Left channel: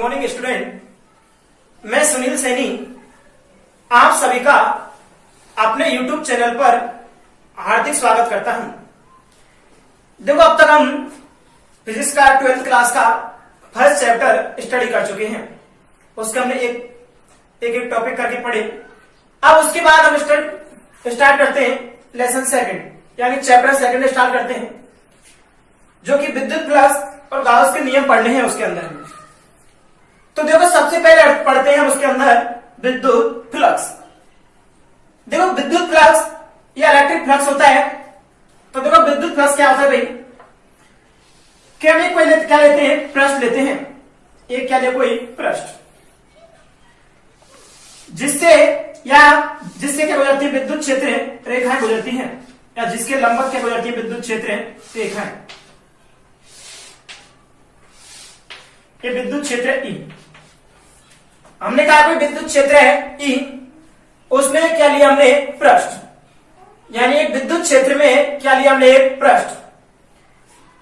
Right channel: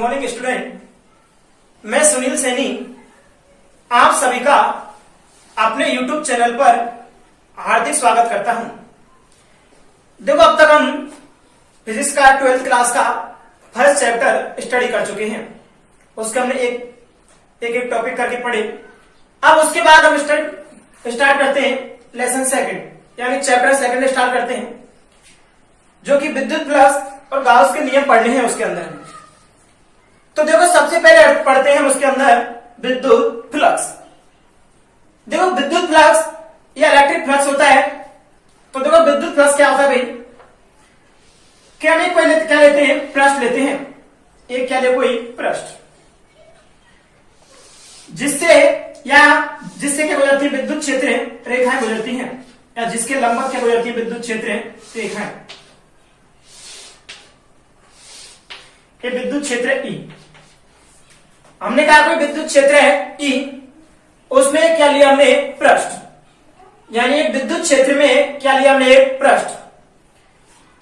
Morning student, मैं सुनील सैनी आप सभी का अपने YouTube चैनल पर हार्दिक स्वागत करता हूं। देखो, अब तक हम फिजिक्स का 12th क्लास का फर्स्ट चैप्टर स्टडी कर चुके हैं। उसका हमने एक टॉपिक करके पढ़े। अब उसके बाद हम स्टार्ट करते हैं लेसन सेकंड, यानी चैप्टर सेकंड स्टार्ट करते हैं, जो कि विद्युत फ्लक्स और गाउस के नियम पढ़ने हैं उसके अंदर। तो देखो, सबसे पहले पढ़ते हैं उसके अंदर विद्युत फ्लक्स। देखो, विद्युत फ्लक्स या इलेक्ट्रिक फ्लक्स होता है। तो देखो, विद्युत फ्लक्स क्या होता है भाई, कि हम एक कोई क्या लेते हैं, पृष्ठ लेते हैं। एक क्या ले, कोई पृष्ठ, जिससे क्या गुजरती है, विद्युत क्षेत्र रेखाएं गुजरती हैं, या जिसके लंबवत क्या गुजरती है, विद्युत क्षेत्र रेखाएं। ये विद्युत क्षेत्र ई, हमने कहा कोई विद्युत क्षेत्र है ई, उसमें क्या लिया हमने, पृष्ठ, यानी एक विद्युत क्षेत्र में क्या लिया हमने, पृष्ठ।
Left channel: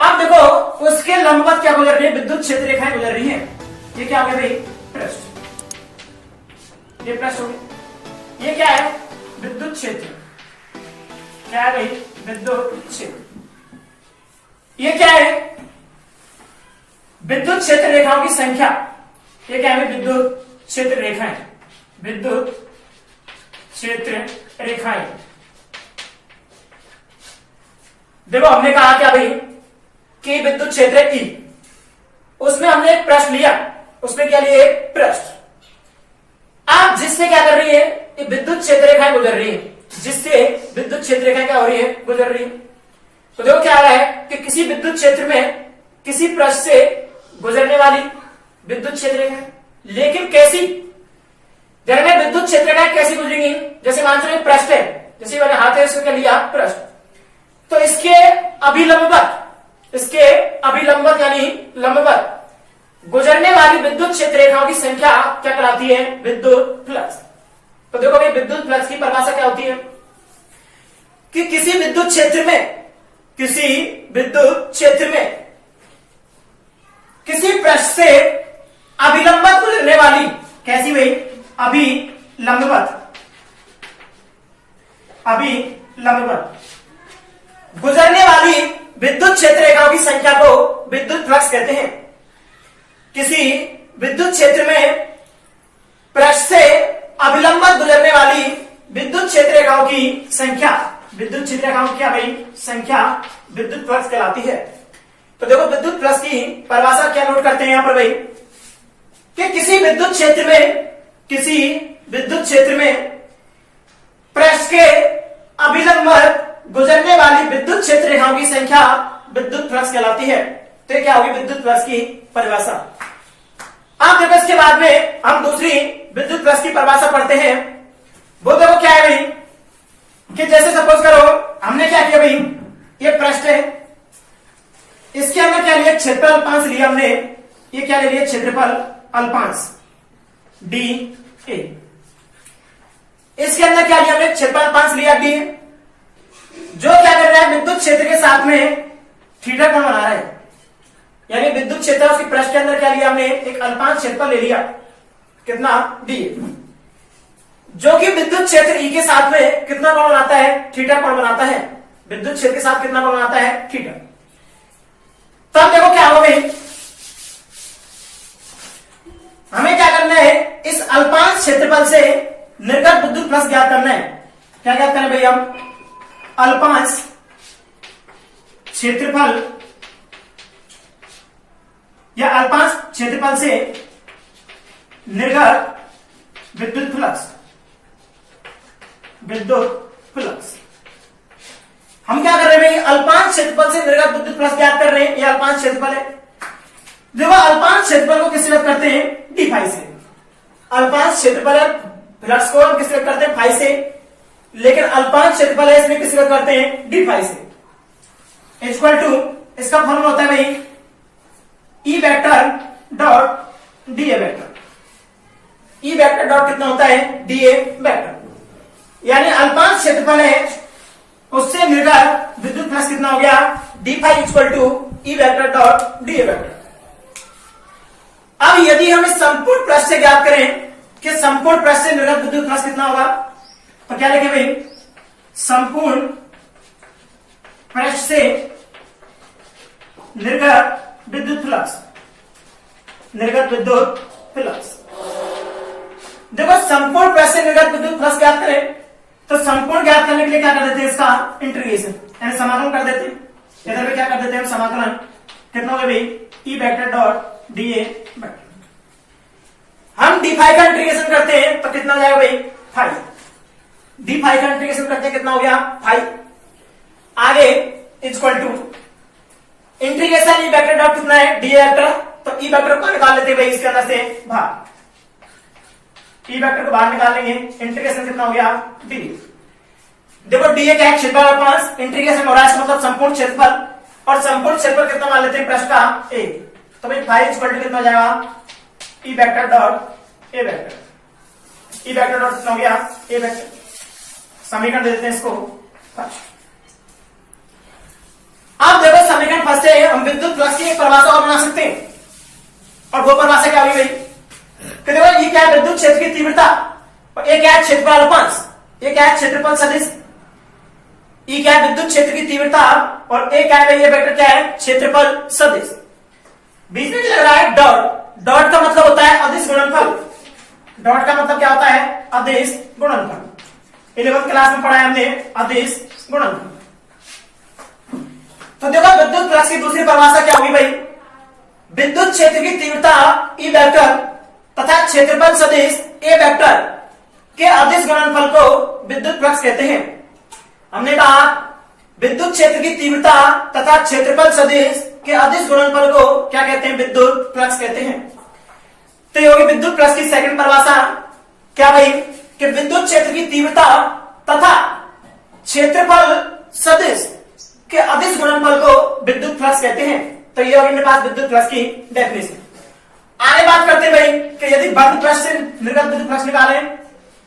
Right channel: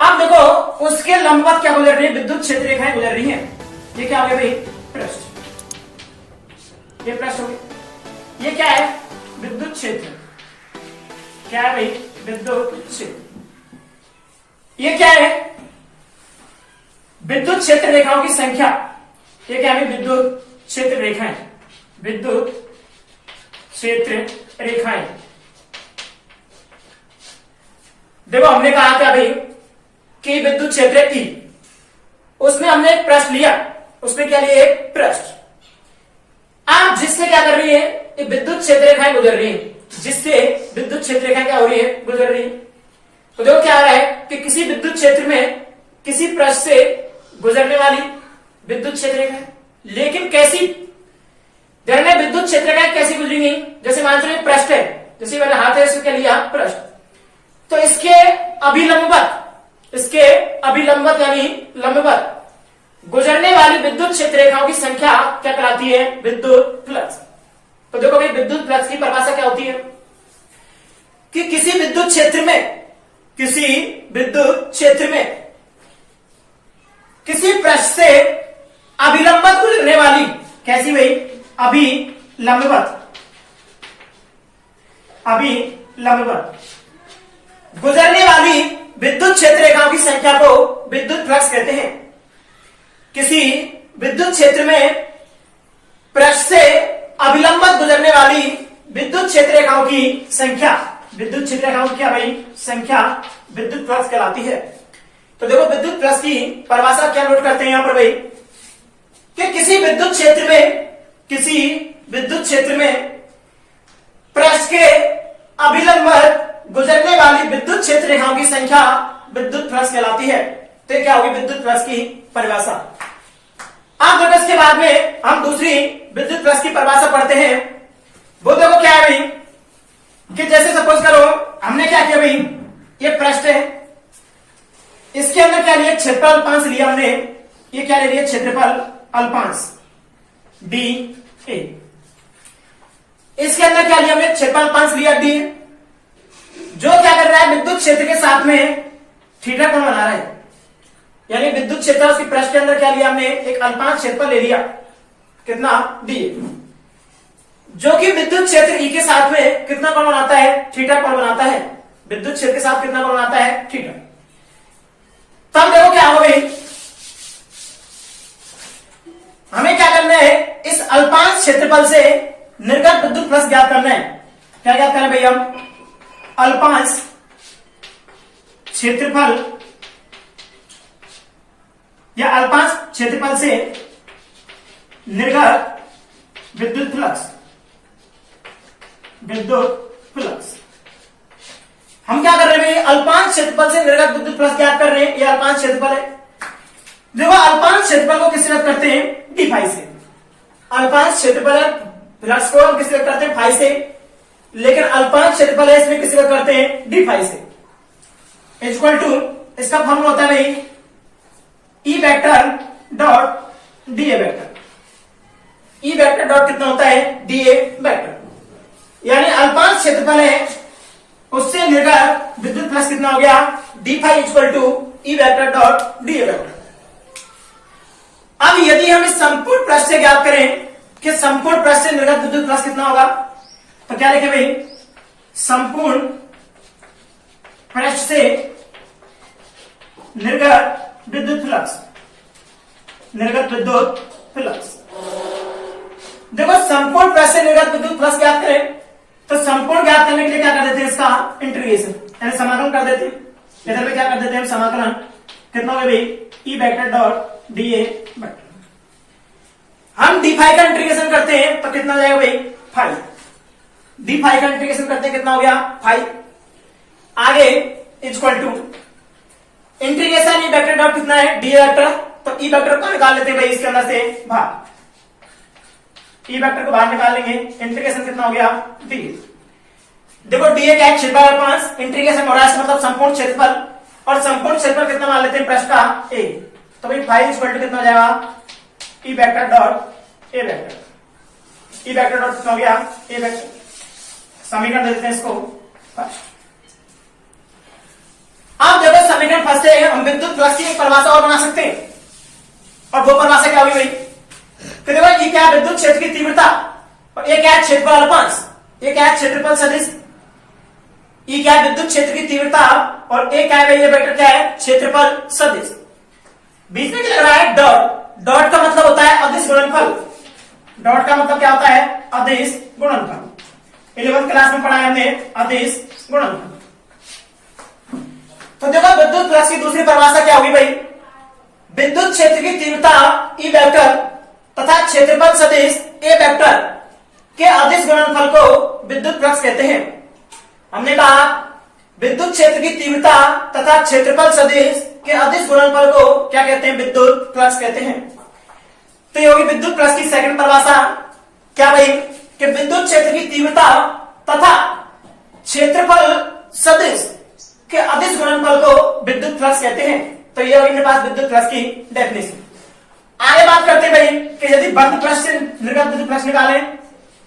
अब देखो, उसके लंबवत क्या गुजर रही है, विद्युत क्षेत्र रेखाएं गुजर रही हैं। ये क्या हो गया भाई, पृष्ठ, ये पृष्ठ हो गया। ये क्या है, विद्युत क्षेत्र। क्या है भाई, विद्युत क्षेत्र। ये क्या है, विद्युत क्षेत्र रेखाओं की संख्या। ये क्या है, विद्युत क्षेत्र रेखाएं, विद्युत क्षेत्र रेखाएं। देखो, हमने कहा क्या भाई कि विद्युत क्षेत्र ई, उसमें हमने एक पृष्ठ लिया, उसमें क्या लिया, एक पृष्ठ। अब जिससे क्या कर रही है, ये विद्युत क्षेत्र रेखाएं गुजर रही है, जिससे विद्युत क्षेत्र रेखाएं क्या हो रही है, गुजर रही है। तो देखो क्या आ रहा है कि किसी विद्युत क्षेत्र में किसी पृष्ठ से गुजरने वाली विद्युत क्षेत्र रेखाएं, लेकिन कैसी, देखने विद्युत क्षेत्र रेखाएं कैसी गुजरेंगी। जैसे मान लो पृष्ठ है, जैसे मैंने हाथ है इसको क्या लिया, पृष्ठ, तो इसके अभिलंबवत यानी लंबवत गुजरने वाली विद्युत क्षेत्र रेखाओं की संख्या क्या कहलाती है, विद्युत फ्लक्स। तो देखो भाई, विद्युत फ्लक्स की परिभाषा क्या होती है कि किसी विद्युत क्षेत्र में किसी पृष्ठ से अभिलंबवत गुजरने वाली, कैसी भाई, अभिलंबवत गुजरने वाली विद्युत क्षेत्र रेखाओं की संख्या को विद्युत फ्लक्स कहते हैं। किसी विद्युत क्षेत्र में पृष्ठ से अभिलंबवत गुजरने वाली विद्युत क्षेत्र रेखाओं की संख्या, विद्युत क्षेत्र रेखाओं की क्या भाई, संख्या विद्युत फ्लक्स कहलाती है। तो देखो, विद्युत फ्लक्स की परिभाषा क्या नोट करते हैं यहां पर भाई, कि किसी विद्युत क्षेत्र में पृष्ठ के अभिलंबवत गुजरने वाली विद्युत क्षेत्र रेखाओं की संख्या विद्युत फ्लक्स कहलाती है। तो ये क्या होगी, विद्युत फ्लक्स की परिभाषा। अब देखो, इसके बाद में हम दूसरी विद्युत फ्लक्स की परिभाषा पढ़ते हैं। वो देखो क्या है भाई, कि जैसे सपोज करो हमने क्या किया भाई, ये पृष्ठ है, इसके अंदर क्या लिया, क्षेत्रफल अल्पांश लिया हमने। ये क्या ले लिया, क्षेत्रफल अल्पांश डी ए। इसके अंदर क्या लिया हमने, क्षेत्रफल अल्पांश लिया डी, जो क्या कर रहा है, विद्युत क्षेत्र के साथ में थीटा कोण बना रहा है। यानी विद्युत क्षेत्र उसकी पृष्ठ के अंदर क्या लिया हमने, एक अल्पांश क्षेत्रफल ले लिया, कितना, डी, जो कि विद्युत क्षेत्र ई के साथ में कितना कोण बनाता है, थीटा कोण बनाता है। विद्युत क्षेत्र के साथ कितना कोण बनाता है, थीटा। तब देखो क्या हो गई, हमें क्या करना है, इस अल्पांश क्षेत्रफल से निर्गत विद्युत फ्लक्स ज्ञात करना है। क्या ज्ञात करना है भैया, अल्पांश क्षेत्रफल या अल्पांश क्षेत्रफल से निर्गत विद्युत फ्लक्स। हम क्या कर रहे हैं भाई, अल्पांश क्षेत्रफल से निर्गत विद्युत फ्लक्स ज्ञात कर रहे हैं। ये अल्पांश क्षेत्रफल है। देखो, अल्पांश क्षेत्रफल को किससे व्यक्त करते हैं, डी फाई से। अल्पांश क्षेत्रफल फ्लक्स को हम किससे व्यक्त करते हैं, फाई से, लेकिन अल्पांश क्षेत्रफल है, इसमें किससे व्यक्त करते हैं, डी फाई से। इक्वल टू, इसका फॉर्मूला होता है भाई, E vector dot D A vector. E vector dot कितना होता है, डी ए वेक्टर। यानी अल्पांश क्षेत्रफल है, उससे निर्गत विद्युत फ्लक्स कितना हो गया, D phi equal to E vector dot D A vector. अब यदि हम इस संपूर्ण पृष्ठ से ज्ञात करें कि संपूर्ण पृष्ठ से निर्गत विद्युत फ्लक्स कितना होगा, तो क्या लिखे भाई, संपूर्ण पृष्ठ से निर्गत विद्युत फ्लक्स, निर्गत विद्युत फ्लक्स। देखो संपूर्ण पृष्ठ से निर्गत विद्युत फ्लक्स ज्ञात करें तो संपूर्ण ज्ञात करने के लिए क्या कर देते हैं, इसका इंटीग्रेशन यानी समाकलन कर देते हैं। इधर भी क्या कर देते हैं समाकलन, कितना होगा भाई, E vector dot D A vector. हम डी फाई का इंटीग्रेशन करते हैं तो कितना हो जाएगा भाई, फाई। डी फाई का इंटीग्रेशन करते हैं कितना हो गया, फाई। आगे equal to integration E vector dot कितना है, डी ए वेक्टर, तो ई वेक्टर को निकाल लेते हैं भाई इसके अंदर से बाहर, ई वेक्टर को बाहर निकाल लेंगे, इंटीग्रेशन कितना हो गया, डी। देखो डी ए क्या है, क्षेत्रफल 5, इंटीग्रेशन हो रहा है मतलब संपूर्ण क्षेत्रफल, और संपूर्ण क्षेत्रफल कितना मान लेते हैं पृष्ठ का ए, तो भाई फाई इक्वल टू कितना हो जाएगा, ई vector dot A vector. E vector dot कितना हो गया, ए वेक्टर। समीकरण दे देते हैं इसको फर्स्ट। अब देखो समीकरण फर्स्ट से हम विद्युत फ्लक्स की एक परिभाषा और बना सकते हैं, और वो परिभाषा क्या होगी भाई, तो देखो ये क्या है, विद्युत क्षेत्र की तीव्रता, और ये क्या है, क्षेत्रफल अल्पस, ये क्या है, क्षेत्रफल सदिश। ये क्या है, विद्युत क्षेत्र की तीव्रता, और ये क्या है, ये वेक्टर क्या है, क्षेत्रफल सदिश। बीच में क्या लग रहा है, डॉट। डॉट का मतलब होता है अदिश गुणनफल। डॉट का मतलब क्या होता है, अदिश गुणनफल। 11th क्लास में पढ़ा है हमने अदिश गुणनफल। तो देखो विद्युत फ्लक्स की दूसरी परिभाषा क्या होगी भाई, विद्युत क्षेत्र की तीव्रता ई वेक्टर तथा क्षेत्रफल सदिश ए वेक्टर के अदिश गुणनफल को विद्युत फ्लक्स कहते हैं। हमने कहा विद्युत क्षेत्र की तीव्रता तथा क्षेत्रफल सदिश के अदिश गुणनफल को क्या कहते हैं, विद्युत फ्लक्स कहते हैं। तो ये होगी विद्युत फ्लक्स की सेकंड परिभाषा, क्या भाई, कि विद्युत क्षेत्र की तीव्रता तथा क्षेत्रफल सदिश के अदिश गुणनफल को विद्युत फ्लक्स कहते हैं। तो ये होगी मेरे पास विद्युत फ्लक्स की डेफिनेशन। आगे बात करते हैं भाई कि यदि बंद पृष्ठ से निर्गत विद्युत फ्लक्स निकालें,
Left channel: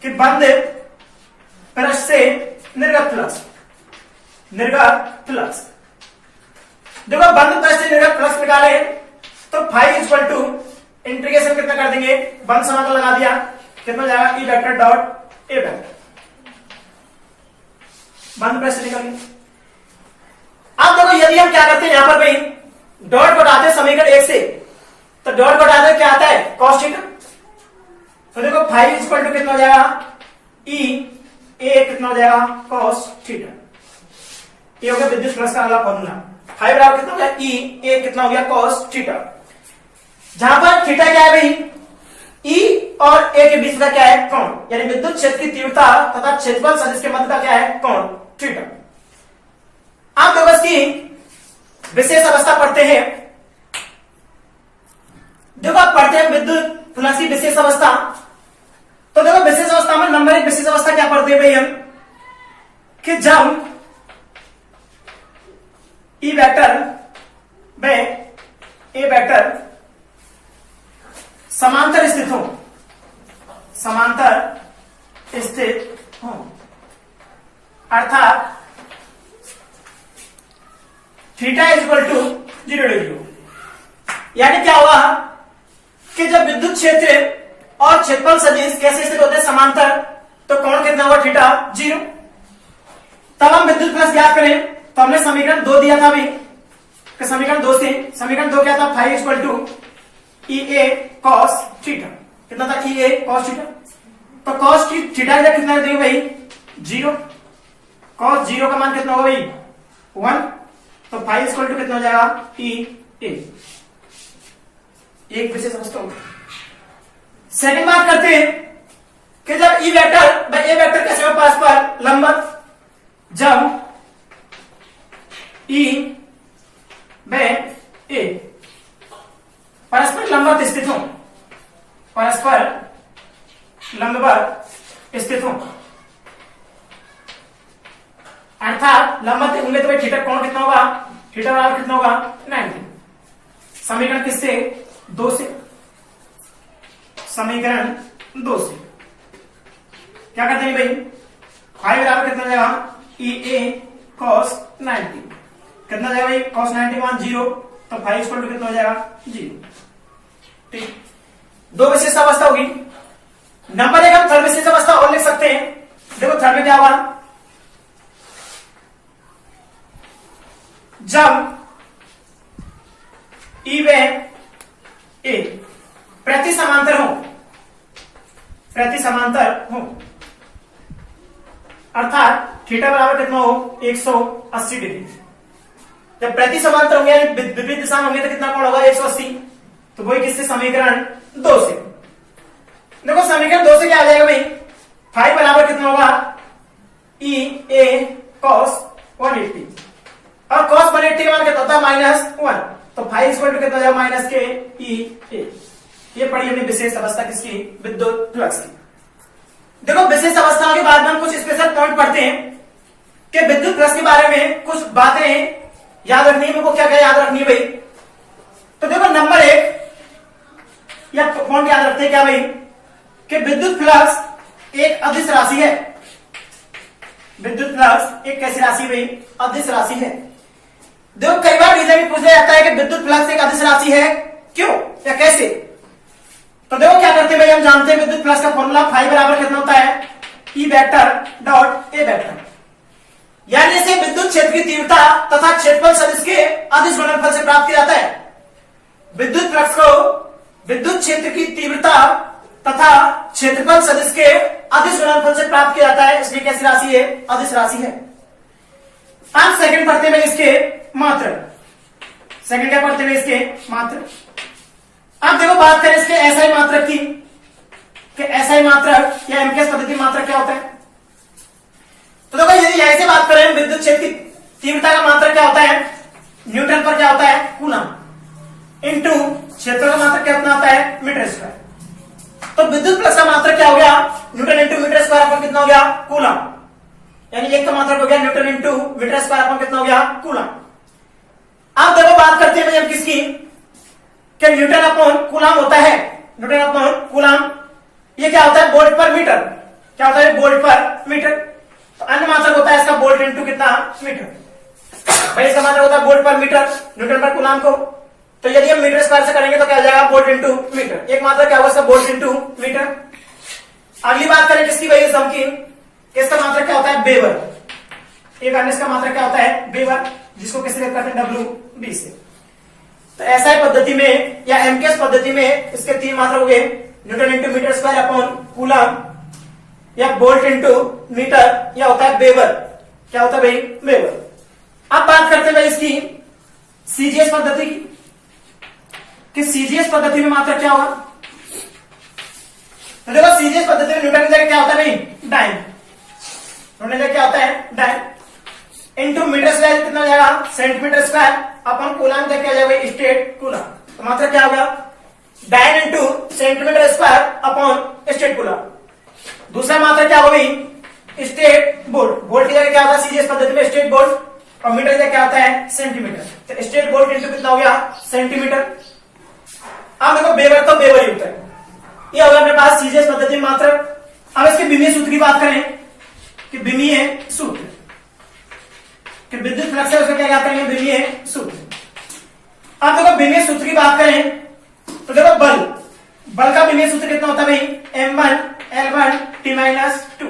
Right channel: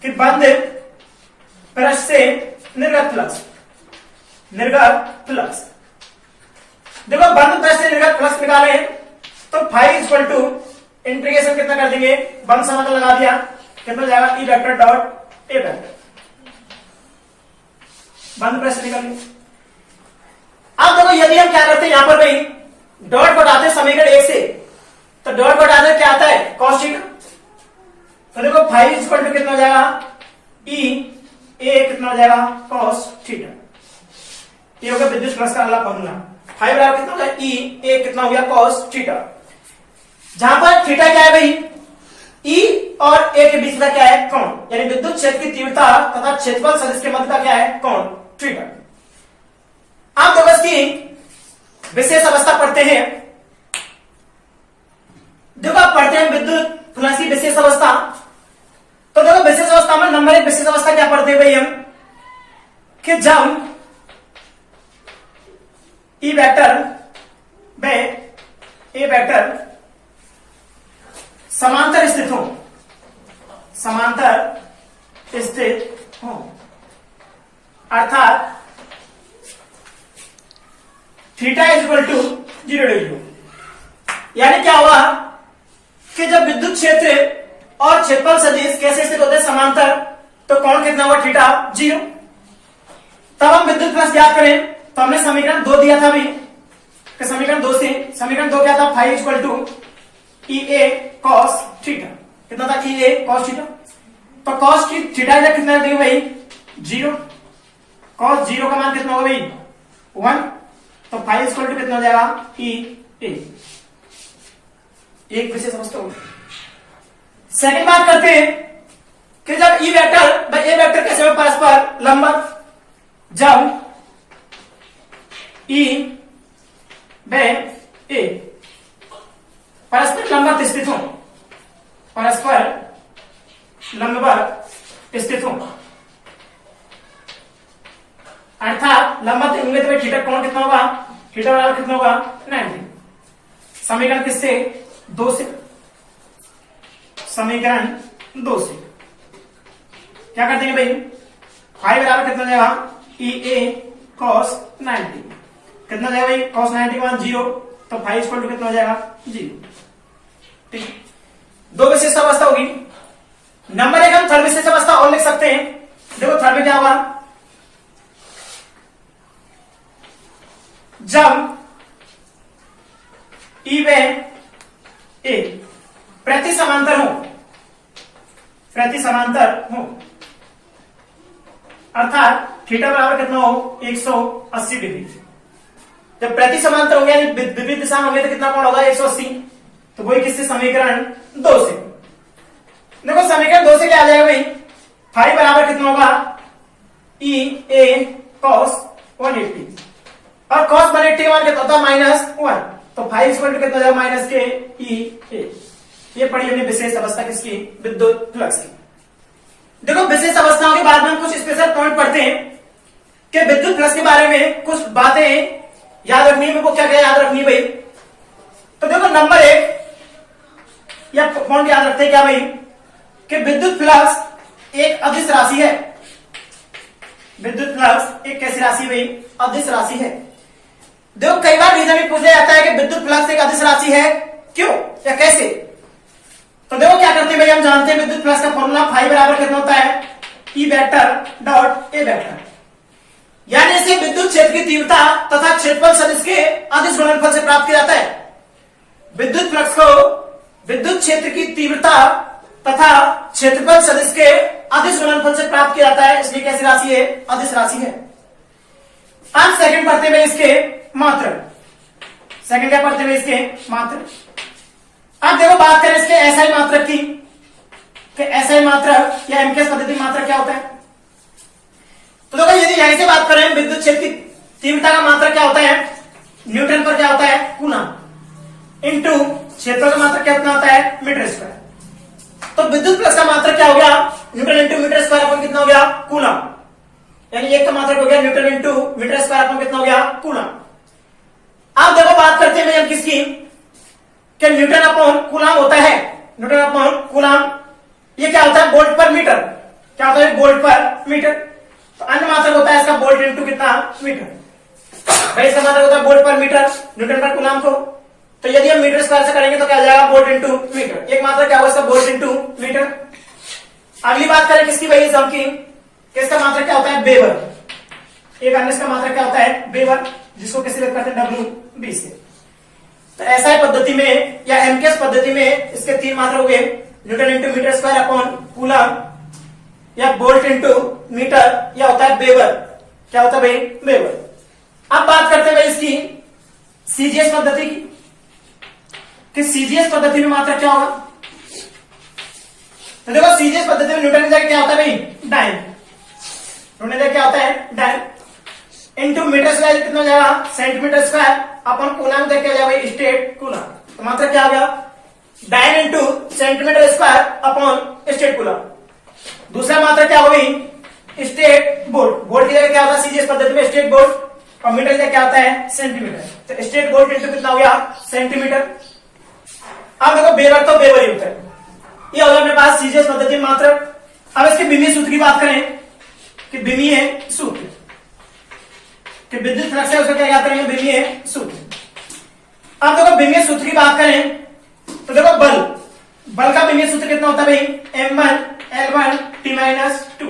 कि बंद पृष्ठ से निर्गत फ्लक्स, निर्गत फ्लक्स। देखो बंद पृष्ठ से निर्गत फ्लक्स निकाले तो फाई इक्वल टू इंटीग्रेशन कितना कर देंगे, बंद समाकलन लगा दिया, कितना जाएगा, ई वेक्टर डॉट ए वेक्टर। बंद पृष्ठ निकाल लिया। अब देखो यदि हम क्या करते हैं, यहां पर भाई डॉट को हटाते समीकरण 1 से, तो डॉट को हटाते क्या आता है, कॉस थीटा। तो देखो फाई इक्वल टू कितना हो जाएगा, ई ए कितना हो जाएगा, कॉस थीटा। ये हो गया विद्युत फ्लक्स का अगला फॉर्मूला। फाई बराबर कितना हो गया, ई ए कितना हो गया, कॉस थीटा। जहां पर थीटा क्या है भाई, ई और ए के बीच का क्या है, कोण, यानी विद्युत क्षेत्र की तीव्रता तथा क्षेत्रफल सदिश के मध्य का क्या है, कोण थीटा। आप देखो इसकी विशेष अवस्था पढ़ते हैं। देखो आप पढ़ते हैं विद्युत फ्लक्स की विशेष अवस्था। तो देखो विशेष अवस्था में नंबर 1 विशेष अवस्था क्या पढ़ते हैं भाई हम, कि जब ई वेक्टर व ए वेक्टर समांतर स्थित हो, समांतर स्थित हो, अर्थात theta is equal to 0 degree. यानी क्या हुआ कि जब विद्युत क्षेत्र और क्षेत्रफल सदिश कैसे स्थित होते हैं, समांतर, तो कोण कितना हुआ, थीटा 0। तब हम विद्युत फ्लक्स ज्ञात करें तो हमने समीकरण 2 दिया था भी, समीकरण 2 से, समीकरण 2 क्या था, phi equal to E A cos theta. कितना था, ई ए कॉस थीटा। तो कॉस की थीटा कितना देंगे भाई, 0। कॉस 0 का मान कितना होगा भाई, 1। तो फाई इक्वल टू कितना हो जाएगा, ई ए। एक विशेष अवस्था होगी। सेकंड बात करते हैं कि जब ई वेक्टर व ए वेक्टर कैसे में परस्पर लंबवत, जब ई व ए परस्पर लंबवत स्थित हो, परस्पर लंबवत स्थित हो, अर्थात लंबवत होंगे तो थीटा कोण कितना होगा, थीटा बराबर कितना होगा, 90। समीकरण किससे, 2 से, समीकरण 2 से क्या करते हैं भाई, फाई बराबर कितना जाएगा, ई ए कॉस 90। कितना जाएगा भाई, कॉस 90 मान 0, तो फाई इक्वल टू कितना हो जाएगा, 0। ठीक, दो विशिष्ट अवस्था होगी। नंबर एक हम थर्ड विशिष्ट अवस्था और लिख सकते हैं। देखो थर्ड में क्या होगा, जब ई व ए प्रति समांतर हो, अर्थात थीटा बराबर कितना हो 180 डिग्री। जब प्रति समांतर होंगे यानी विपरीत दिशा में होंगे तो कितना कोण होगा 180। तो वही किससे, समीकरण 2 से। देखो समीकरण 2 से क्या आ जाएगा भाई, फाई बराबर कितना होगा ई ए कॉस 180 और कॉस 180 का मान कितना होता है -1। तो फाई इक्वल टू कितना हो जाएगा माइनस के ई ए। ये पढ़ी हमने विशेष अवस्था किसकी, विद्युत फ्लक्स की। देखो विशेष अवस्थाओं के बाद में हम कुछ स्पेशल पॉइंट पढ़ते हैं कि विद्युत फ्लक्स के बारे में कुछ बातें याद रखनी है। मेरे को क्या क्या याद रखनी है भाई, तो देखो नंबर एक या पॉइंट याद रखते हैं क्या भाई, कि विद्युत फ्लक्स एक अदिश राशि है। विद्युत फ्लक्स एक कैसी राशि भाई, अदिश राशि है। देखो कई बार रीजन भी पूछा जाता है कि विद्युत फ्लक्स एक अदिश राशि है, क्यों या कैसे। तो देखो क्या करते हैं भाई, हम जानते हैं विद्युत फ्लक्स का फॉर्मूला फाई बराबर कितना होता है ई वेक्टर डॉट ए वेक्टर, यानी इसे विद्युत क्षेत्र की तीव्रता तथा क्षेत्रफल सदिश के अदिश गुणनफल से प्राप्त किया जाता है। विद्युत फ्लक्स को विद्युत क्षेत्र की तीव्रता तथा क्षेत्रफल सदिश के अदिश गुणनफल से प्राप्त किया जाता है, इसलिए कैसी राशि है, अदिश राशि है। अब सेकंड पढ़ते हैं इसके मात्रक। सेकंड क्या पढ़ते हैं इसके मात्रक। अब देखो बात करें इसके एसआई मात्रक की, कि एसआई मात्रक या एमकेएस पद्धति मात्रक क्या होता है। तो देखो यदि यहीं से बात करें विद्युत क्षेत्र की तीव्रता का मात्रक क्या होता है, न्यूटन पर क्या होता है कूलम इंटू क्षेत्र का मात्रक कितना होता है मीटर स्क्वायर। तो विद्युत फ्लक्स का मात्रक क्या हो गया, न्यूटन इंटू मीटर स्क्वायर अपन कितना हो गया कूलम, यानी एक तो मात्रक हो गया न्यूटन इंटू मीटर स्क्वायर अपन कितना हो गया कूलम। अब देखो बात करते हैं भैया किसकी, कि न्यूटन अपॉन कूलम होता है, न्यूटन अपॉन कूलम ये क्या होता है वोल्ट पर मीटर, क्या होता है वोल्ट पर मीटर। तो अन्य मात्रक होता है इसका वोल्ट इंटू कितना मीटर। भाई इसका मात्रक होता है वोल्ट पर मीटर न्यूटन पर कूलम को। तो यदि हम मीटर स्क्वायर से करेंगे तो क्या हो जाएगा वोल्ट इंटू मीटर। एक मात्रक क्या होगा इसका वोल्ट इंटू मीटर। अगली बात करें किसकी भाई इस की, इसका मात्रक क्या होता है वेबर। एक अन्य इसका मात्रक क्या होता है वेबर, जिसको किसी व्यक्त करते हैं डब्ल्यू बी से। तो एसआई पद्धति में या एमकेएस पद्धति में इसके तीन मात्रक हो गए, newton into metre square upon coulomb या वोल्ट इंटू मीटर या होता है वेबर, क्या होता है भाई वेबर। अब बात करते हैं भाई इसकी सीजीएस पद्धति की, कि सीजीएस पद्धति में मात्रक क्या होगा। तो देखो सीजीएस पद्धति में न्यूटन की जगह क्या होता है भाई डाइन, न्यूटन की जगह क्या होता है डाइन इंटू मीटर स्क्वायर कितना हो जाएगा सेंटीमीटर स्क्वायर अपन कूलम क्या हो जाएगा स्टेट कूलम। तो मात्रक क्या हो गया dyne into centimetre square upon state coulomb. दूसरा मात्रक क्या होगी स्टेट वोल्ट, वोल्ट की जगह क्या होता है सीजीएस पद्धति में स्टेट वोल्ट और मीटर की जगह क्या होता है सेंटीमीटर। तो स्टेट वोल्ट इंटू कितना हो गया सेंटीमीटर। अब देखो वेबर तो वेबर ही होता है, ये होगा मेरे पास सीजीएस पद्धति में मात्रक। अब इसके विमीय सूत्र की बात करें कि विमीय सूत्र, कि विद्युत फ्लक्स है उसको क्या कहते हैं विमीय सूत्र। अब देखो विमीय सूत्र की बात करें तो देखो बल का विमीय सूत्र कितना होता है भाई m1 L1 T-2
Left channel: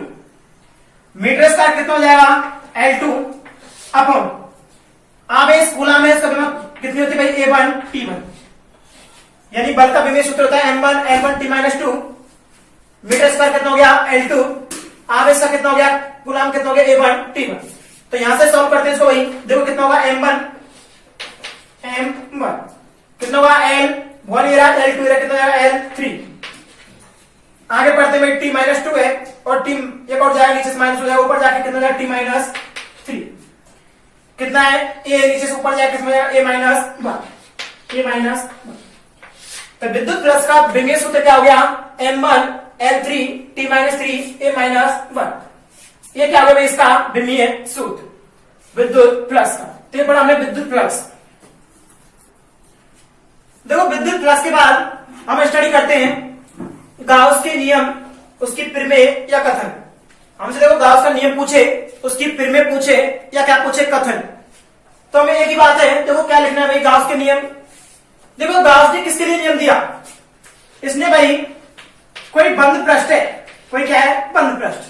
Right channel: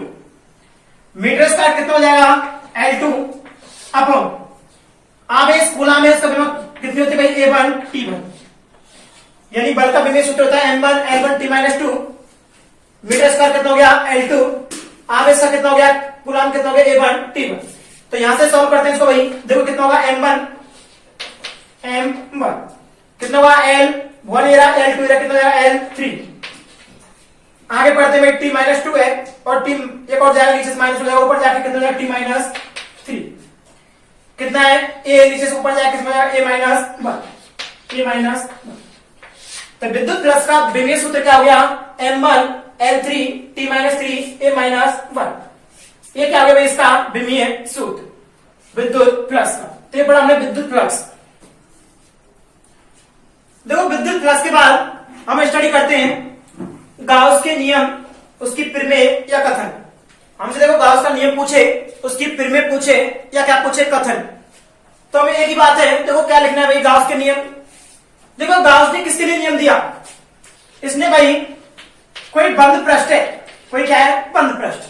metre square कितना हो जाएगा L2 अपॉन आवेश कूलम में इसका कितनी होती है भाई A1 T1, यानी बल का विमीय सूत्र होता है m1 L1 T-2 metre square कितना हो गया L2 आवेश का कितना हो गया कूलम कितना हो गया A1 T1। तो यहां से सॉल्व करते हैं इसको भाई, देखो कितना होगा m1 कितना होगा L1 L2 कितना होगा L3। आगे पढ़ते हैं T-2 है और T एक और जाएगा नीचे से माइनस हो जाएगा, ऊपर जाके कितना हो जाएगा T-3 कितना है A नीचे से ऊपर जाएगा कितना हो जाएगा A-1। तो विद्युत फ्लक्स का विमीय सूत्र क्या हो गया m1 L3 T-3 A-1। ये क्या हो गया भाई इसका विमीय सूत्र विद्युत फ्लक्स का। तो ये पढ़ा हमने विद्युत फ्लक्स। देखो विद्युत फ्लक्स के बाद हम स्टडी करते हैं गाउस के नियम, उसकी प्रमेय या कथन। हमसे देखो गाउस का नियम पूछे, उसकी प्रमेय पूछे या क्या पूछे कथन, तो हमें एक ही बात है देखो क्या लिखना है भाई गाउस के नियम। देखो गाउस ने किसके लिए नियम दिया, इसने भाई कोई बंद पृष्ठ है, कोई क्या है, बंद पृष्ठ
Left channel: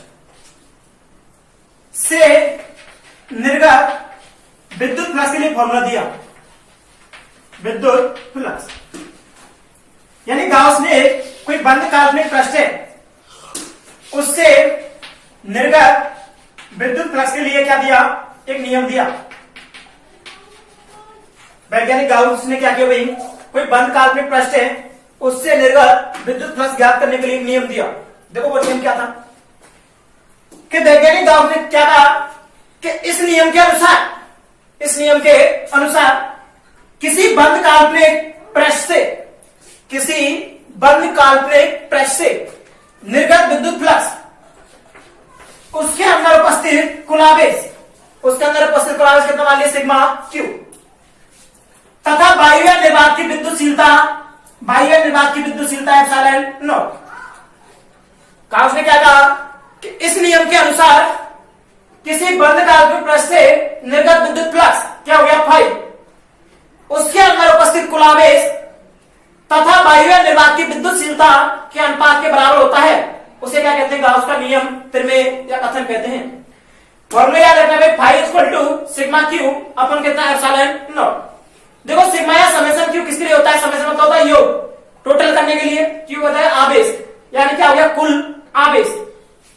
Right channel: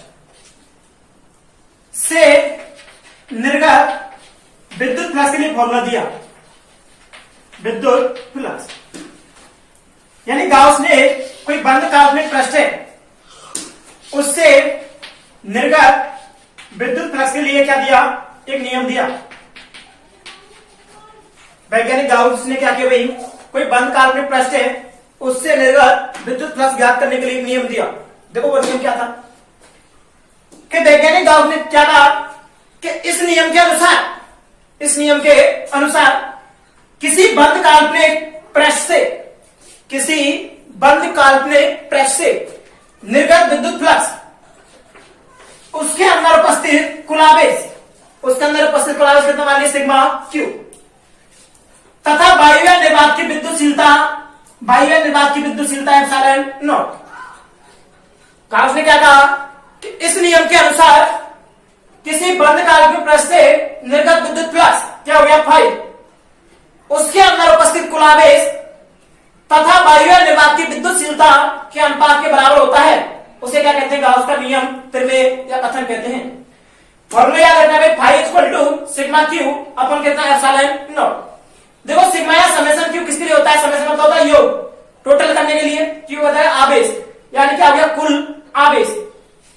से निर्गत विद्युत फ्लक्स के लिए फॉर्मूला दिया, विद्युत फ्लक्स। यानी गाउस ने कोई बंद काल्पनिक पृष्ठ है उससे निर्गत विद्युत फ्लक्स के लिए क्या दिया, एक नियम दिया। वैज्ञानिक गाउस ने क्या किया भाई, कोई बंद काल्पनिक पृष्ठ है उससे निर्गत विद्युत फ्लक्स ज्ञात करने के लिए नियम दिया। देखो वो नियम क्या था कि वैज्ञानिक गाउस ने क्या कहा कि इस नियम के अनुसार, इस नियम के अनुसार किसी बंद काल्पनिक पृष्ठ से, किसी बंद काल्पनिक पृष्ठ से निर्गत विद्युत फ्लक्स उसके अंदर उपस्थित कुल आवेश, उसके अंदर उपस्थित कुल आवेश कितना, मान लीजिए सिग्मा क्यू, तथा वायु निर्वात की विद्युतशीलता, वायु निर्वात की विद्युतशीलता एप्सिलॉन नॉट। गाउस ने क्या कहा कि इस नियम के अनुसार किसी बंद काल्पनिक पृष्ठ से निर्गत विद्युत फ्लक्स क्या हो गया, फाई, उसके अंदर उपस्थित कुल आवेश तथा वायु निर्वात की विद्युतशीलता के अनुपात के बराबर होता है, उसे क्या कहते हैं, गाउस का नियम, प्रमेय या कथन कहते हैं। फॉर्मूला याद रखना भाई, phi equal to sigma Q अपन कितना, एप्सिलॉन नॉट। देखो सिग्मा या समेशन क्यू किसके लिए होता है, समेशन मतलब होता है योग, टोटल करने के लिए, क्यू होता है आवेश, यानी क्या हो गया, कुल आवेश।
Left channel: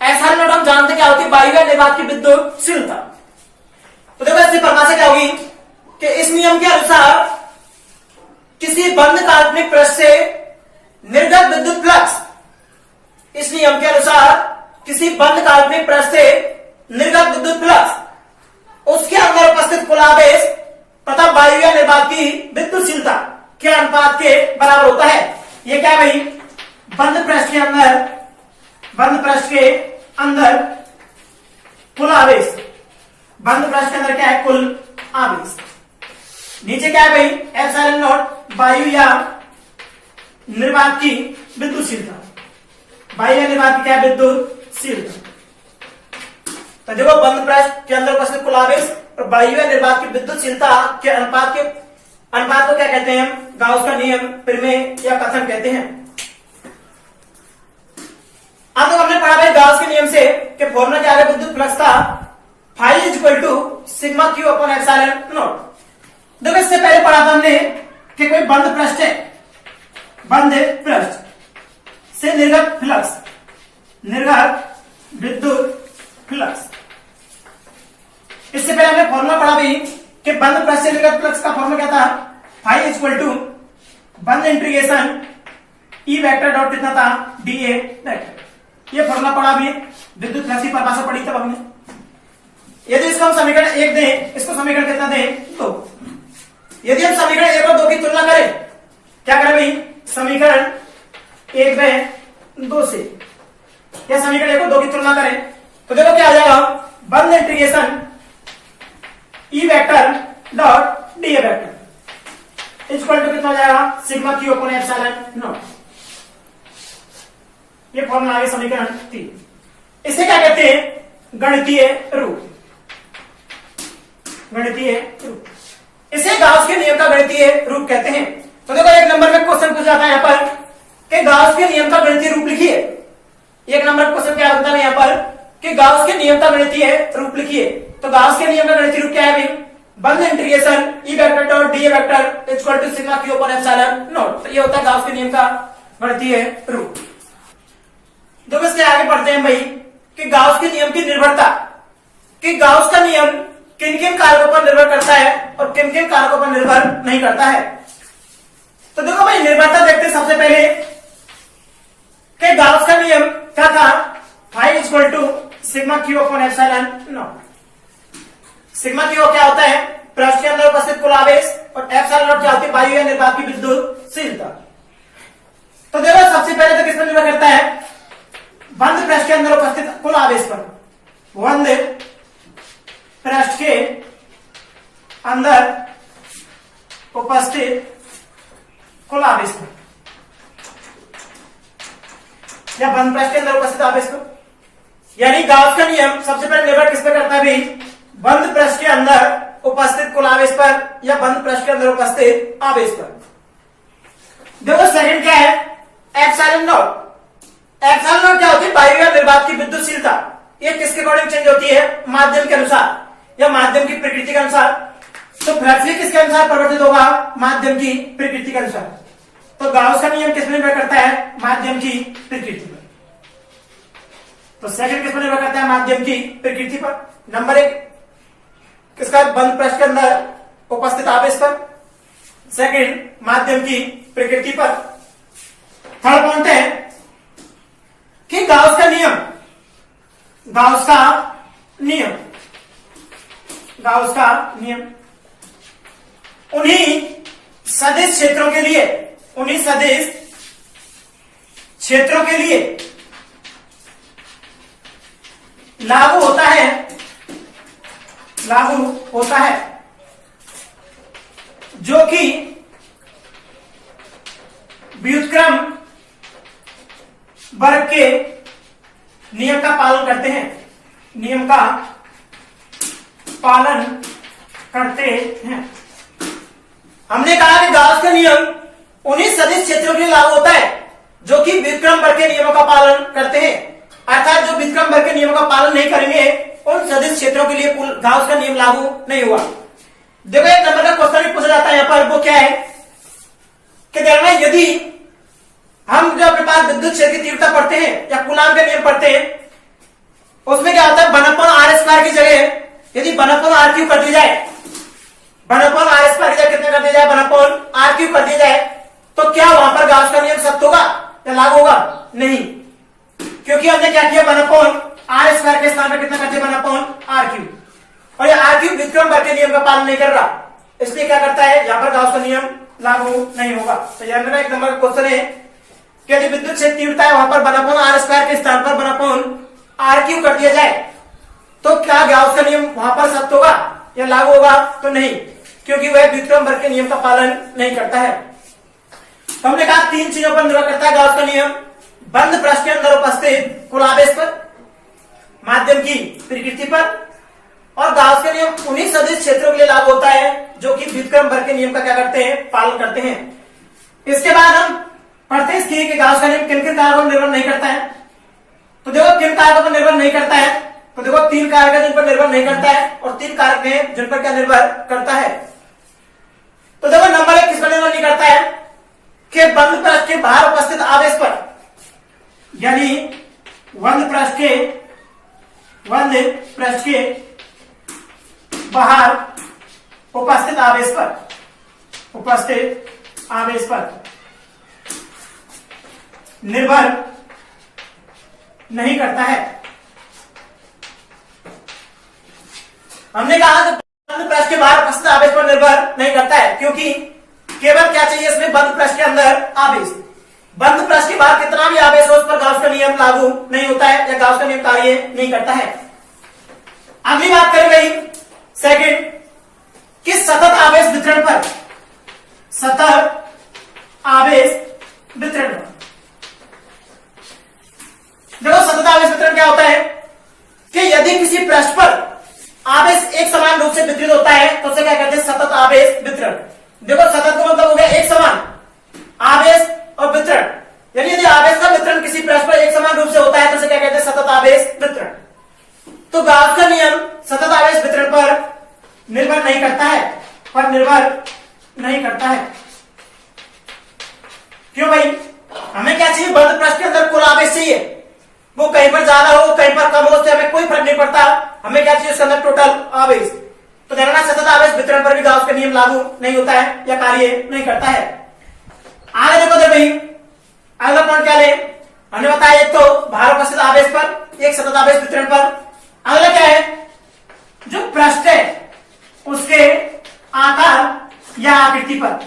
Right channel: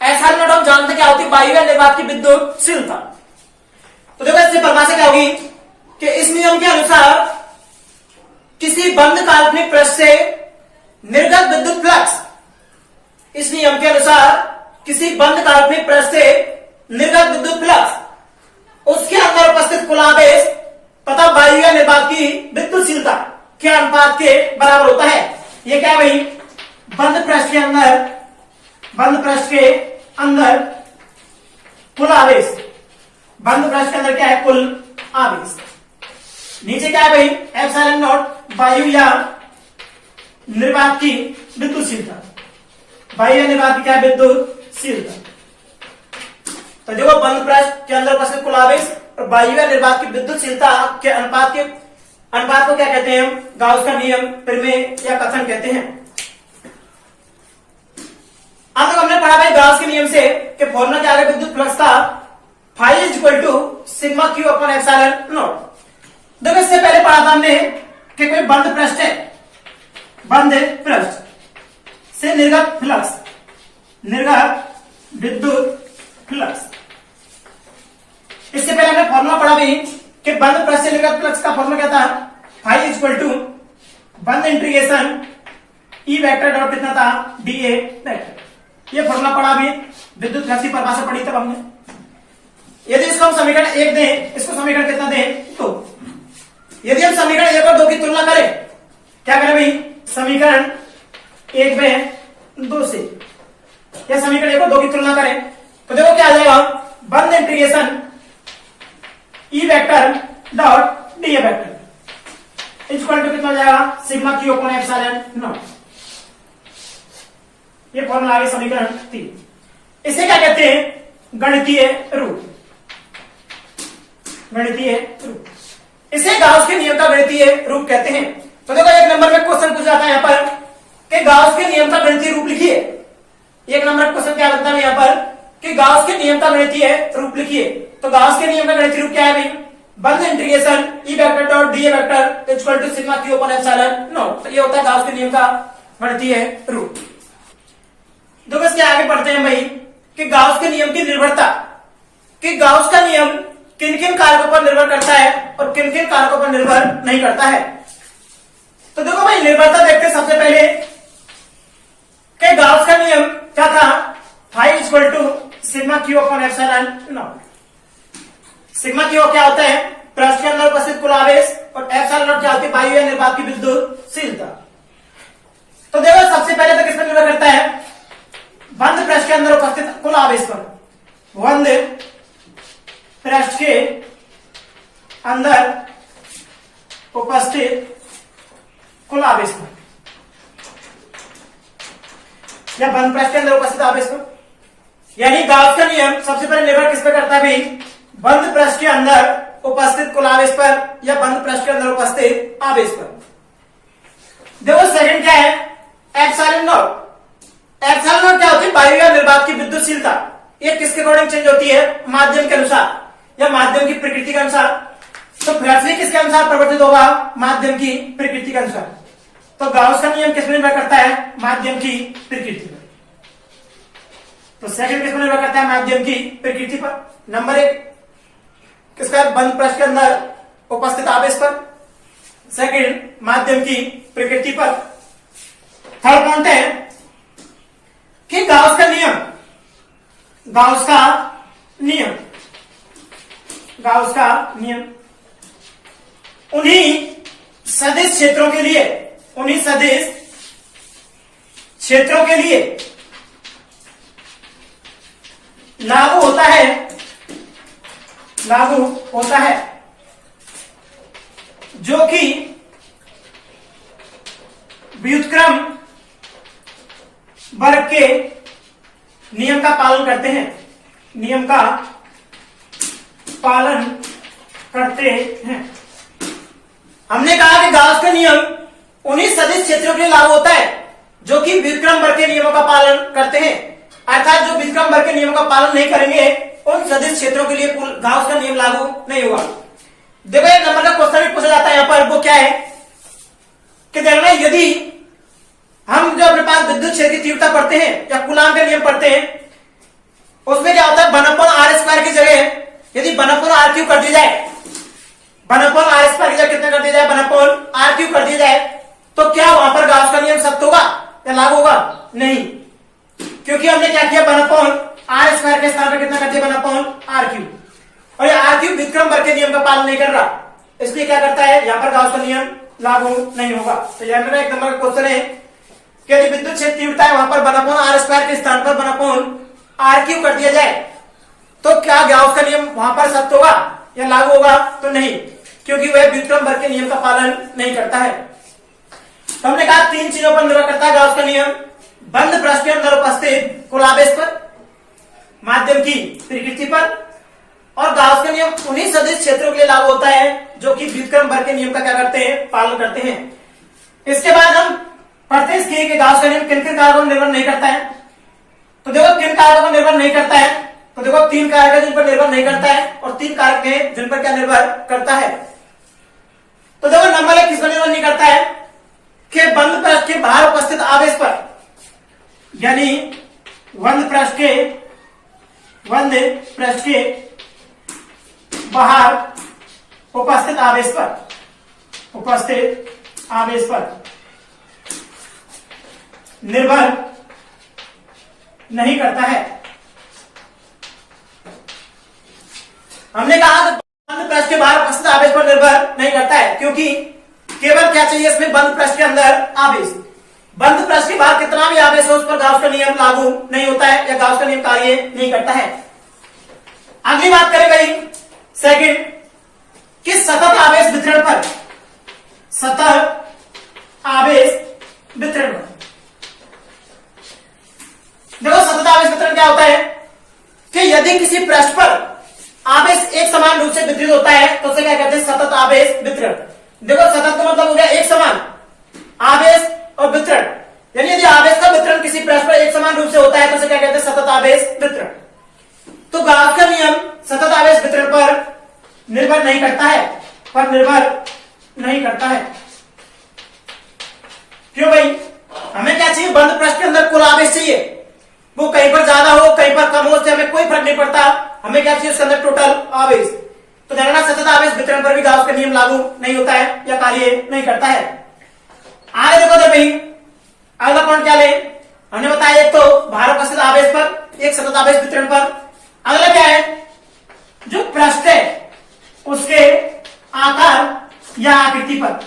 एप्सिलॉन नॉट हम जानते क्या होती है, वायु निर्वात की विद्युतशीलता। तो देखो इसकी परिभाषा क्या होगी कि इस नियम के अनुसार किसी बंद काल्पनिक पृष्ठ से निर्गत विद्युत फ्लक्स, इस नियम के अनुसार किसी बंद काल्पनिक पृष्ठ से निर्गत विद्युत फ्लक्स उसके अंदर उपस्थित कुल आवेश तथा वायु या निर्वात की विद्युतशीलता के अनुपात के बराबर होता है। ये क्या है भाई, बंद पृष्ठ के अंदर, बंद पृष्ठ के अंदर कुल आवेश, बंद पृष्ठ के अंदर क्या है, कुल आवेश। नीचे क्या है भाई, एप्सिलॉन नॉट वायु या निर्वात की विद्युतशीलता, वायु या निर्वात की क्या है, विद्युतशीलता। तो देखो बंद पृष्ठ के अंदर उपस्थित कुल आवेश और वायु या निर्वात की विद्युतशीलता के अनुपात को क्या कहते हैं, गाउस का नियम, प्रमेय या कथन कहते हैं। अब तक हमने पढ़ा भाई गाउस के नियम से कि फॉर्मूला क्या है, विद्युत फ्लक्स का phi is equal to sigma Q upon epsilon naught. देखो इससे पहले पढ़ा था हमने कि कोई बंद पृष्ठ है, बंद पृष्ठ से निर्गत फ्लक्स, निर्गत विद्युत फ्लक्स। इससे पहले हमने फॉर्मूला पढ़ा भी कि बंद पृष्ठ से निर्गत फ्लक्स का फॉर्मूला क्या था, फाई इज इक्वल टू बंद इंटीग्रेशन ई वेक्टर डॉट कितना था, डी ए वेक्टर। ये फॉर्मूला पढ़ा भी, विद्युत फ्लक्स की परिभाषा पढ़ी तब हमने। यदि इसको हम समीकरण 1 दें, इसको समीकरण कितना दें, 2। यदि हम समीकरण 1 और 2 की तुलना करें, क्या करें भाई, समीकरण 1 में 2 से या समीकरण 1 और 2 की तुलना करें तो देखो क्या आ जाएगा, बंद integration E vector dot D A vector equal to कितना हो जाएगा, sigma Q upon epsilon naught. ये फॉर्मूला है समीकरण 3। इसे क्या कहते हैं, गणितीय रूप, गणितीय रूप। इसे गाउस के नियम का गणितीय रूप कहते हैं। तो देखो एक नंबर में क्वेश्चन पूछा था यहाँ पर कि गाउस के नियम का गणितीय रूप लिखिए। एक नंबर क्वेश्चन क्या होता है यहाँ पर कि गाउस के नियम का गणितीय रूप लिखिए। तो गाउस के नियम का गणितीय रूप क्या है भाई, बंद integration E vector dot D A vector equal to sigma Q upon epsilon naught. ये होता है गाउस के नियम का गणितीय रूप। देखो इसके आगे पढ़ते हैं भाई कि गाउस के नियम की निर्भरता, कि गाउस का नियम किन किन कारकों पर निर्भर करता है और किन किन कारकों पर निर्भर नहीं करता है। तो देखो भाई निर्भरता देखते हैं सबसे पहले कि गाउस का नियम क्या था, phi equal to sigma Q upon epsilon naught. Sigma Q क्या होता है, पृष्ठ के अंदर उपस्थित कुल आवेश, और एप्सिलॉन नॉट क्या होती है, वायु या निर्वात की विद्युतशीलता। तो देखो सबसे पहले तो किस पर निर्भर करता है, बंद पृष्ठ के अंदर उपस्थित कुल आवेश पर। बंद पृष्ठ के अंदर उपस्थित कुल आवेश पर या बंद पृष्ठ के अंदर उपस्थित आवेश पर। यानी गाउस का नियम सबसे पहले निर्भर किस पर करता है भाई, बंद पृष्ठ के अंदर उपस्थित कुल आवेश पर या बंद पृष्ठ के अंदर उपस्थित आवेश पर। देखो सेकंड क्या है, एप्सिलॉन नॉट। एप्सिलॉन नॉट क्या होती है? वायु या निर्वात की विद्युतशीलता। ये किसके अकॉर्डिंग चेंज होती है? माध्यम के अनुसार या माध्यम की प्रकृति के अनुसार। तो फ्लक्स किसके अनुसार परिवर्तित होगा? माध्यम की प्रकृति के अनुसार। तो गाउस का नियम किस पर निर्भर करता है? माध्यम की प्रकृति पर। तो सेकंड किस पर निर्भर करता है? माध्यम की प्रकृति पर। नंबर 1 किसका? बंद पृष्ठ के अंदर उपस्थित आवेश पर। सेकंड माध्यम की प्रकृति पर। थर्ड पॉइंट है कि गाउस का नियम, गाउस का नियम, गाउस का नियम उन्हीं सदिश क्षेत्रों के लिए, उन्हीं सदिश क्षेत्रों के लिए लागू होता है, लागू होता है जो कि व्युत्क्रम वर्ग के नियम का पालन करते हैं, नियम का पालन करते हैं। हमने कहा कि गाउस का नियम उन्हीं सदिश क्षेत्रों के लिए लागू होता है जो कि व्युत्क्रम वर्ग के नियमों का पालन करते हैं। अर्थात जो व्युत्क्रम वर्ग के नियमों का पालन नहीं करेंगे उन सदिश क्षेत्रों के लिए गाउस का नियम लागू नहीं हुआ। देखो एक नंबर का क्वेश्चन भी पूछा जाता है यहां पर, वो क्या है कि देखना यदि हम जो अपने पास विद्युत क्षेत्र की तीव्रता पढ़ते हैं या कूलाम के नियम पढ़ते हैं, उसमें क्या होता है? 1/r² की जगह यदि 1/r³ कर दी जाए, 1/r² की जगह कितने कर दिया जाए? 1/r³ कर दिया जाए, तो क्या वहां पर गाउस का नियम सत्य होगा या लागू होगा? नहीं, क्योंकि हमने क्या किया? 1/r² के स्थान पर कितना कर दिया? 1/r³। और ये r³ व्युत्क्रम वर्ग के नियम का पालन नहीं कर रहा, इसलिए क्या करता है? यहां पर गाउस का नियम लागू नहीं होगा। तो यह मेरा एक नंबर का क्वेश्चन है कि यदि विद्युत क्षेत्र तीव्रता है वहां पर 1/r² के स्थान पर 1/r³ कर दिया जाए, तो क्या गाउस का नियम वहां पर सत्य होगा या लागू होगा? तो नहीं, क्योंकि वह व्युत्क्रम वर्ग के नियम का पालन नहीं करता है। तो हमने कहा 3 चीजों पर निर्भर करता है गाउस का नियम: बंद पृष्ठ के अंदर उपस्थित कुल आवेश पर, माध्यम की प्रकृति पर, और गाउस का नियम उन्हीं सदिश क्षेत्रों के लिए लागू होता है जो कि व्युत्क्रम वर्ग के नियम का क्या करते हैं? पालन करते हैं। इसके बाद हम पढ़ते हैं कि गाउस का नियम किन किन कारकों पर निर्भर नहीं करता है। तो देखो किन कारकों पर निर्भर नहीं करता है, तो देखो 3 कारक है जिन पर निर्भर नहीं करता है और 3 कारक है जिन पर क्या निर्भर करता है। तो देखो नंबर 1 किस पर निर्भर नहीं करता है कि बंद पृष्ठ के बाहर उपस्थित आवेश पर, यानी बंद पृष्ठ के बाहर उपस्थित आवेश पर, उपस्थित आवेश पर निर्भर नहीं करता है। हमने कहा कि बंद पृष्ठ के बाहर उपस्थित आवेश पर निर्भर नहीं करता है, क्योंकि केवल क्या चाहिए इसमें? बंद पृष्ठ के अंदर आवेश। बंद पृष्ठ के बाहर कितना भी आवेश हो उस पर गाउस का नियम लागू नहीं होता है या गाउस का नियम कार्य नहीं करता है। अगली बात करें भाई सेकंड कि सतत आवेश वितरण पर, सतत आवेश वितरण पर देखो सतत आवेश वितरण क्या होता है कि यदि किसी पृष्ठ पर आवेश एक समान रूप से वितरित होता है तो उसे क्या कहते हैं? सतत आवेश वितरण। देखो सतत का मतलब हो गया एक समान आवेश और वितरण, यानी यदि आवेश का वितरण किसी पृष्ठ पर एक समान रूप से होता है तो उसे क्या कहते हैं? सतत आवेश वितरण। तो गाउस का नियम सतत आवेश वितरण पर निर्भर नहीं करता है, पर निर्भर नहीं करता है। क्यों भाई? हमें क्या चाहिए? बंद पृष्ठ के अंदर कुल आवेश चाहिए, वो कहीं पर ज्यादा हो कहीं पर कम हो उससे हमें कोई फर्क नहीं पड़ता, हमें क्या चाहिए? उसके अंदर टोटल आवेश। तो देखना सतत आवेश वितरण पर भी गाउस का नियम लागू नहीं होता है या कार्य नहीं करता है। आगे देखो दे भाई अगला पॉइंट क्या ले, हमने बताया एक तो बाहर उपस्थित आवेश पर, एक सतत आवेश वितरण पर। अगला क्या है? जो पृष्ठ है उसके आकार या आकृति पर,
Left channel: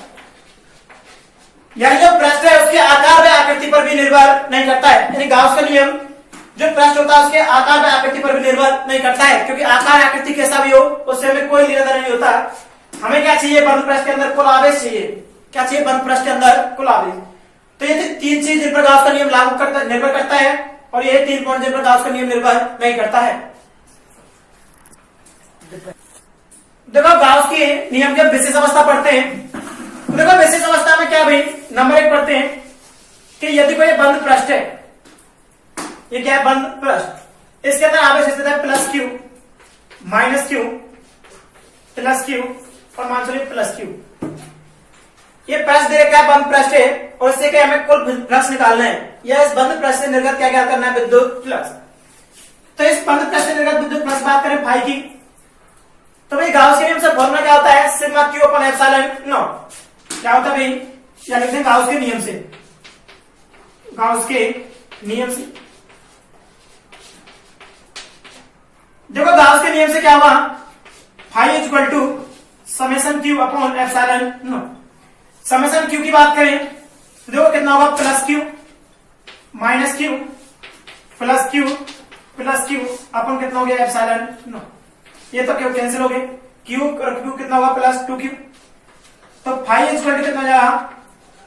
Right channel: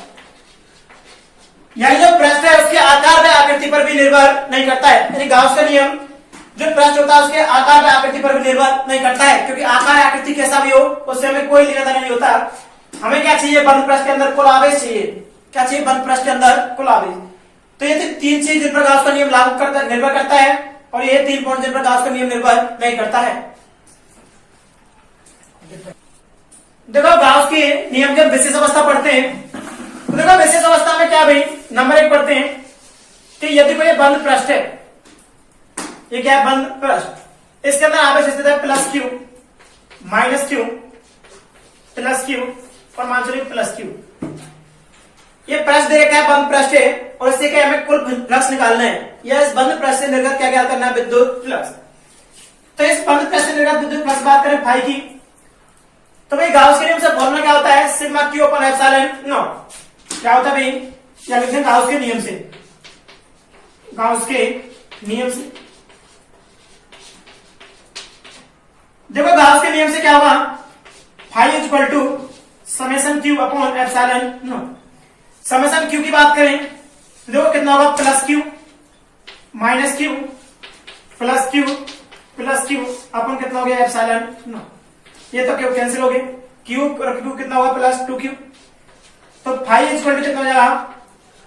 यानी जो पृष्ठ है उसके आकार व आकृति पर भी निर्भर नहीं करता है। यानी गाउस का नियम जो पृष्ठ होता है उसके आकार व आकृति पर भी निर्भर नहीं करता है, क्योंकि आकार आकृति कैसा भी हो उससे हमें कोई लेना देना नहीं होता। हमें क्या चाहिए? बंद पृष्ठ के अंदर कुल आवेश चाहिए। क्या चाहिए? बंद पृष्ठ के अंदर कुल आवेश। तो ये 3 चीज जिन पर गाउस का नियम लागू करता निर्भर करता है और ये 3 पॉइंट जिन पर गाउस का नियम निर्भर नहीं करता है। देखो गाउस के नियम के विशेष अवस्था पढ़ते हैं। तो देखो विशेष अवस्था में क्या भाई नंबर 1 पढ़ते हैं कि यदि कोई बंद पृष्ठ है, ये क्या है बंद पृष्ठ, इसके अंदर आवेश स्थित है plus Q minus Q plus Q और मान चलिए प्लस क्यू। ये पृष्ठ दे रखा है बंद पृष्ठ है और इससे क्या हमें कुल फ्लक्स निकालना है या इस बंद पृष्ठ से निर्गत क्या करना है विद्युत फ्लक्स। तो इस बंद पृष्ठ से निर्गत विद्युत फ्लक्स बात करें फाई की, तो भाई गाउस के नियम से फॉर्मूला क्या होता है sigma Q upon epsilon not. क्या होता है भाई, या लिखते हैं गाउस के नियम से, गाउस के नियम से। देखो गाउस के नियम से क्या हुआ, phi is equal to summation Q upon epsilon naught. Summation Q की बात करें देखो कितना होगा plus Q minus Q plus Q अपन कितना हो गया एप्सिलॉन नॉट। ये तो क्यू कैंसिल हो गए, क्यू और क्यू कितना होगा प्लस 2q। तो फाई इज इक्वल टू कितना हो जाएगा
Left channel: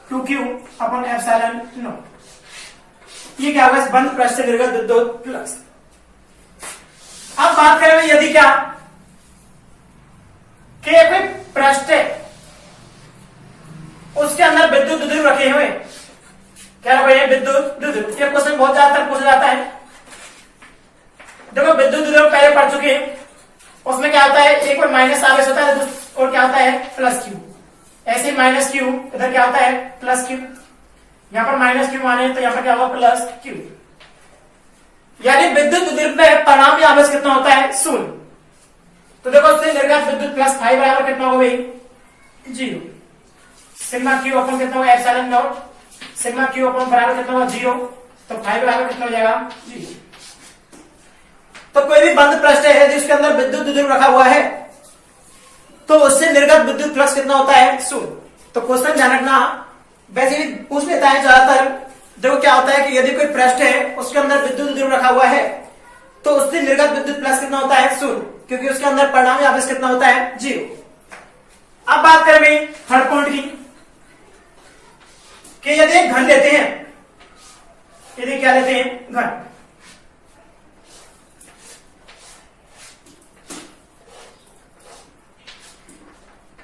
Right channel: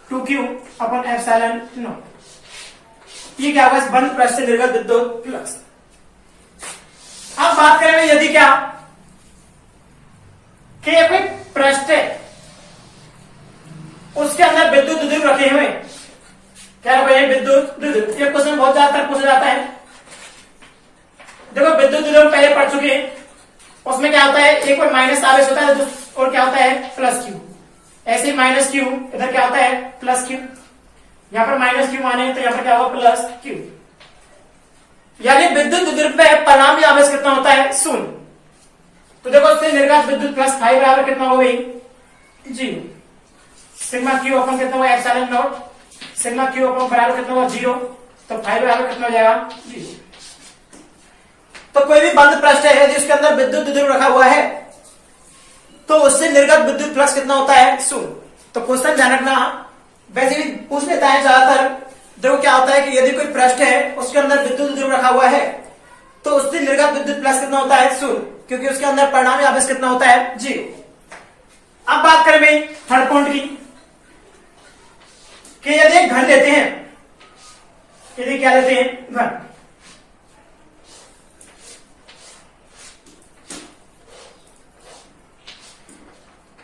2q अपॉन एप्सिलॉन नॉट। ये क्या होगा इस बंद पृष्ठ से निर्गत विद्युत फ्लक्स। अब बात करें यदि क्या कि कोई पृष्ठ है उसके अंदर विद्युत द्विध्रुव रखे हुए, क्या भाई विद्युत द्विध्रुव। ये क्वेश्चन बहुत ज्यादातर पूछा जाता है। देखो विद्युत द्विध्रुव पहले पढ़ चुके हैं, उसमें क्या होता है एक बार माइनस आवेश होता है और क्या होता है प्लस क्यू। ऐसे ही माइनस क्यू इधर क्या होता है प्लस क्यू, यहां पर माइनस क्यू माने तो यहां पर क्या होगा प्लस क्यू। यानी विद्युत द्विध्रुव में परिणामी आवेश कितना होता है 0। तो देखो उससे निर्गत विद्युत फ्लक्स फाई बराबर कितना होगा भाई 0। सिग्मा क्यू अपन कितना होगा एप्सिलॉन नॉट, सिग्मा क्यू अपन बराबर कितना होगा 0, तो फाई बराबर कितना हो जाएगा 0। तो कोई भी बंद पृष्ठ है जिसके अंदर विद्युत द्विध्रुव रखा हुआ है तो उससे निर्गत विद्युत फ्लक्स कितना होता है 0। तो क्वेश्चन ध्यान रखना, वैसे ही पूछ लेता है ज्यादातर। देखो क्या होता है कि यदि कोई पृष्ठ है उसके अंदर विद्युत द्विध्रुव रखा हुआ है तो उससे निर्गत विद्युत फ्लक्स कितना होता है 0, क्योंकि उसके अंदर परिणामी आवेश कितना होता है 0। अब बात करें भाई थर्ड पॉइंट की कि यदि एक घन लेते हैं, यदि क्या लेते हैं घन,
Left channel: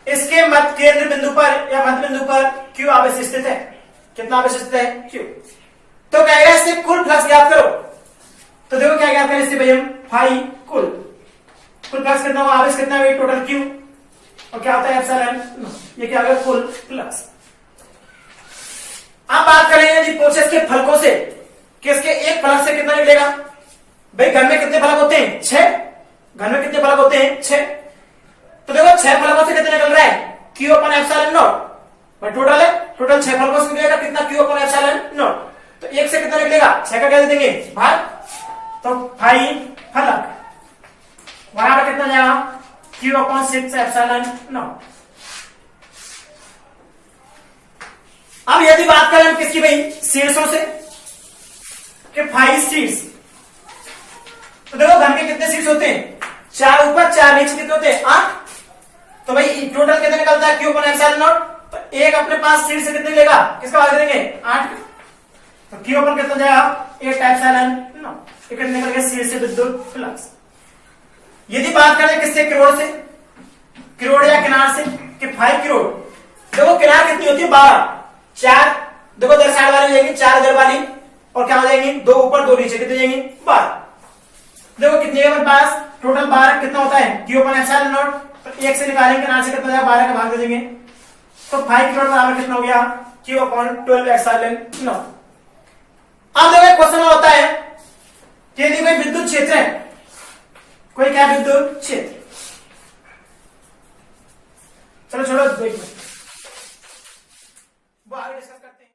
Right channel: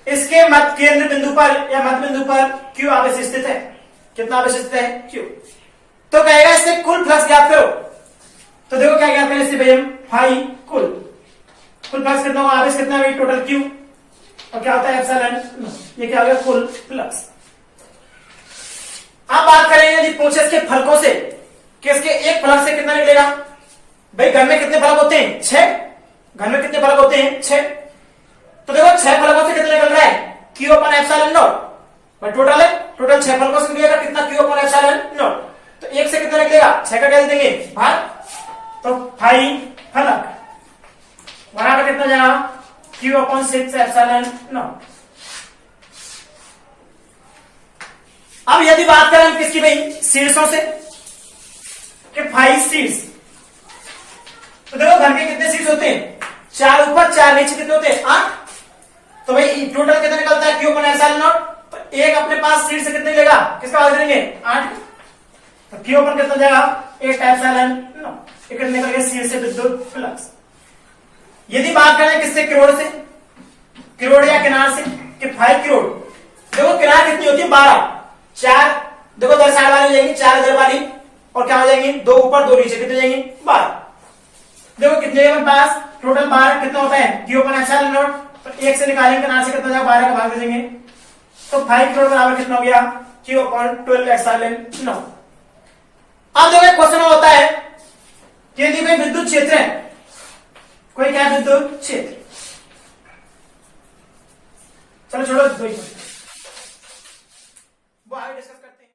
इसके मध्य केंद्र बिंदु पर या मध्य बिंदु पर क्यू आवेश स्थित है। कितना आवेश स्थित है क्यू। तो कहेगा इससे कुल फ्लक्स ज्ञात करो। तो देखो क्या ज्ञात करें इससे भाई हम फाई कुल फ्लक्स कितना होगा, आवेश कितना है टोटल क्यू और क्या होता है एप्सिलॉन। ये क्या हो गया कुल फ्लक्स। अब बात करेंगे यदि पूछे इसके फलकों से कि इसके एक फलक से कितना निकलेगा। भाई घर में कितने फलक होते हैं 6, घर में कितने फलक होते हैं 6। तो देखो 6 फलकों से कितना निकल रहा है Q upon epsilon not. Total है, टोटल 6 फलकों से निकलेगा कितना क्यू अपॉन एप्सिलॉन नॉट। तो एक से कितना निकलेगा 6 का क्या दे देंगे भाग, तो फाई फलक बराबर कितना जाएगा क्यू अपॉन 6 एप्सिलॉन नॉट। अब यदि बात करें किसकी भाई शीर्षों से कि फाई शीर्ष, तो देखो घर के कितने शीर्ष होते हैं 4 ऊपर 4 नीचे कितने होते हैं 8। तो भाई टोटल कितना निकलता है क्यू अपॉन एप्सिलॉन नॉट। तो एक अपने पास शीर्ष से कितने लेगा, किसका भाग देंगे 8। तो क्यू अपॉन कितना जाएगा 8 एप्सिलॉन नॉट। एक निकल गया शीर्ष से विद्युत फ्लक्स। यदि बात करें किससे किरोड़ से, किरोड़ या किनार से कि 5 किरोड़। देखो किनार कितनी होती है 12, 4 देखो इधर साइड वाली जाएंगी 4 इधर वाली और क्या हो जाएंगी 2 ऊपर 2 नीचे कितने जाएंगी 12। देखो कितने हमारे पास टोटल 12 कितना होता है क्यू अपॉन एप्सिलॉन नॉट। तो एक से निकालेंगे किनार से कितना जाएगा 12 का भाग दे देंगे। तो 5 किलोमीटर बराबर कितना हो गया क्यू अपॉन 12 एप्सिलॉन नॉट। अब देखो क्वेश्चन होता है कि यदि कोई विद्युत क्षेत्र है, कोई क्या विद्युत क्षेत्र, चलो छोड़ो